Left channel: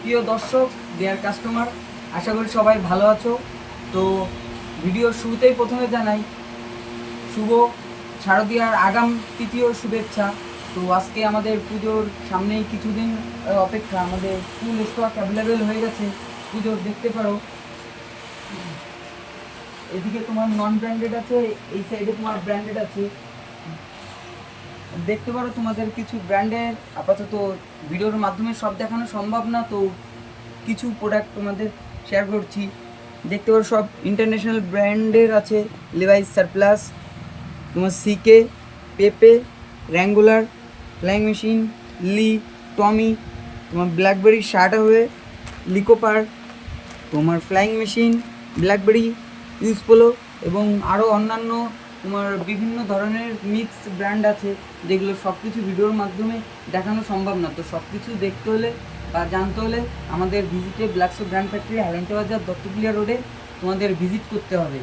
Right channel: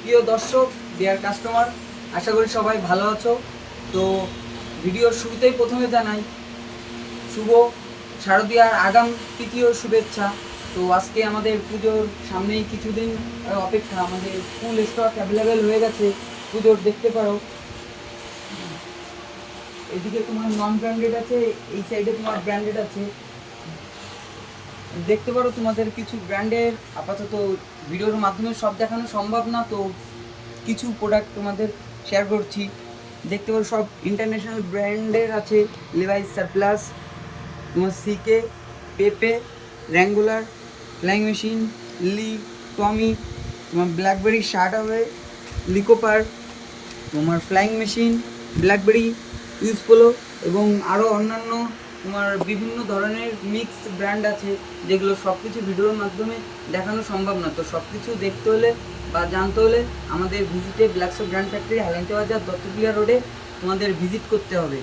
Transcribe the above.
প্রিয় দর্শক, deer customer, আশা করি সবাই ভালো আছো। তো ভিডিওর শুরুতেই প্রথমে জানাই শুভ শারদীয়ার আগাম তৃতীয় শুভেচ্ছা। তো আজকে আমাদের পুজোর সামনেই কিছুদিন অপেক্ষা, আমাদের ফুল স্টক অ্যাভেলেবেল হয়ে গেছে পুজোর, দেখতে পারো। এদিকে তোমার নন ব্র্যান্ডেড আছে, এই সাইডে তোমার ব্র্যান্ডেড আছে, দেখতে পারো। তোমাদের কিছু ব্র্যান্ডের আপাতত ভিডিওর মাধ্যমে সব দেখানো সম্ভব না, তো কিছু প্রোডাক্ট তোমাদের শেয়ার করছি। দেখতে পারো সব ইন্টারন্যাশনাল ব্র্যান্ডের আছে, লেভাইস, সারপ্লাস, তোমার সিকে, পেপে, র্যাঙ্গুলার, ফ্লাইং মেশিন, লি, টমি, তোমার ব্ল্যাকবেরি শার্ট হবে, লিকোপার, তোমার flying machine, blackberry, use polo এবং আরও অন্যান্য তোমার বিভিন্ন ধরনের মিক্সড ব্র্যান্ড আছে, যেগুলো সব কিছু ভিডিওর মাধ্যমে দেখানো সম্ভব না। তো সব কিছু দেখতে হলে বা জানতে হলে আমাদের ভিজিটে ব্ল্যাকশো ব্র্যান্ড ফ্যাক্টরি, হালাঞ্চা বাজার, দত্তপুলিয়া রোডে তোমাদের ভিজিট করতে হবে।